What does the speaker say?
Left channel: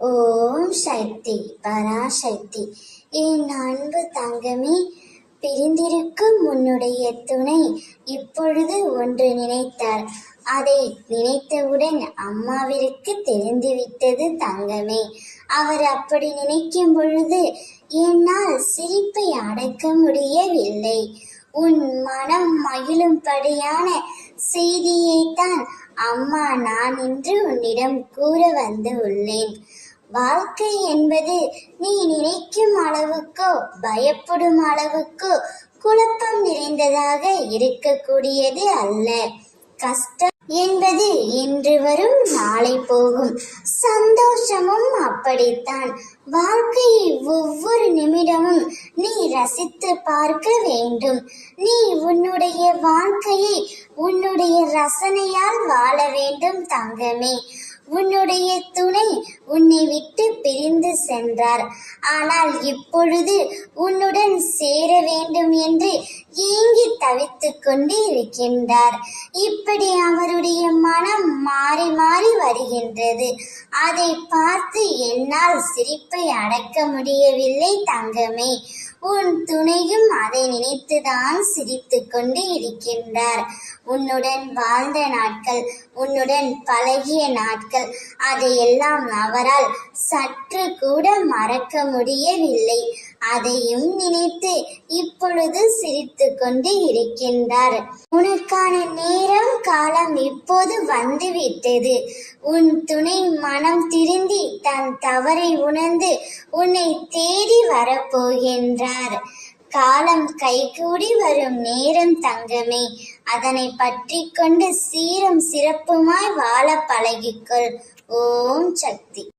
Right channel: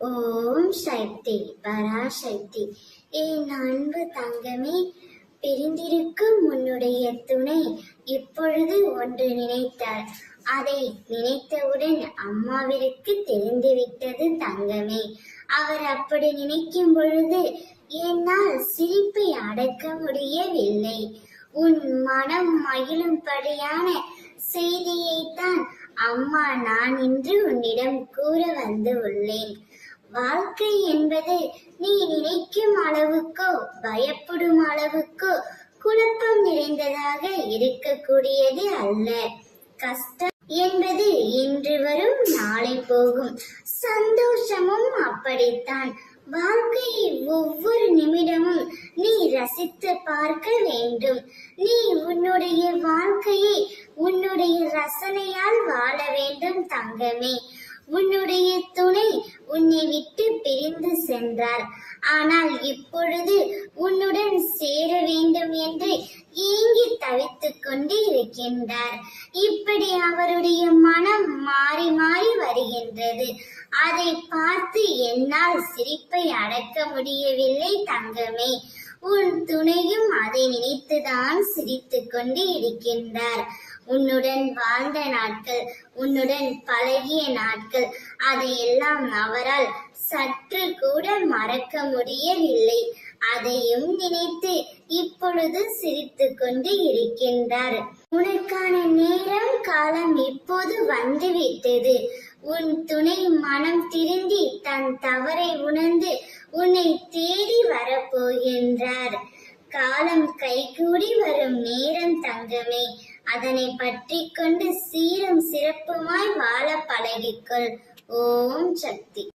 ஓம் சக்தி பராசக்தி. என் அன்பு தங்கமே, பிரிந்திருக்கும் உன்னுடைய துணை இப்பொழுது ஒன்று நினைத்தார். அதை நினைத்தவுடன் அம்மாவிற்கு தெரிந்துவிட்டது தங்கமே. அவர் அப்படி நினைக்கும் பொழுது என்னால் சிரிப்பை அடக்க முடியவில்லை. உன் மனம் மகிழும்படியான செய்தியைத்தான் அம்மா நான் இன்று உன்னிடம் கூற வந்து உள்ளேன். வாழ்க்கை என்பது நீ நினைக்கும் அளவுக்கோ பயப்படும் அளவுக்கோ குழப்பம் நிறைந்ததாக இருக்கக்கூடியது அல்ல. கஷ்டம் என்பது இன்று வரும் நாளை போகும். சந்தோஷமும் அப்படித்தான். வாழ்க்கையை ஒவ்வொரு நிமிடமும் நீ ரசித்து பார்க்க வேண்டும். நீ உன்னுடைய வாழ்க்கையை உன்னுடைய ரசனையால் வாழ வேண்டும் தங்கமே. உன்னுடைய துணை உன்னை விட்டு பிரிந்து சென்றார். ஆனால் இப்பொழுது உன்னுடன் சேர வேண்டும் என்று ஏங்கி தவித்துக் கொண்டு இருக்கின்றார். இப்படி அவருடைய மனம் மாறி மாறி வருகின்றது. அதை பார்த்து என்னால் சிரிப்பை அடக்க முடியவில்லை தங்கமே. உன் துணையும் அதை நினைத்துதான் சிரித்துக் கொண்டு இருக்கின்றார். உன்னுடன் வாழ்ந்த நாட்கள், உன்னுடன் பழகிய நாட்கள், அதையெல்லாம் அவரால் சற்று கூட மறக்க முடியவில்லை. அதையும் நினைத்து இப்பொழுது சிரித்து கொண்டு இருக்கின்றார். உனக்கான நேரம் காலம் இப்போது வந்துவிட்டது. உன் துணை மனம் திருந்தி தன் தவறை உணர்ந்து உன்னை தேடி வரப்போகின்றார். காலம் கைகூடி வரும் நேரம் தங்கமே. அதனை பற்றி கொண்டு சீரும் சிறப்புமாய் வாழ பழகிக்கொள். ஓம் சக்தி.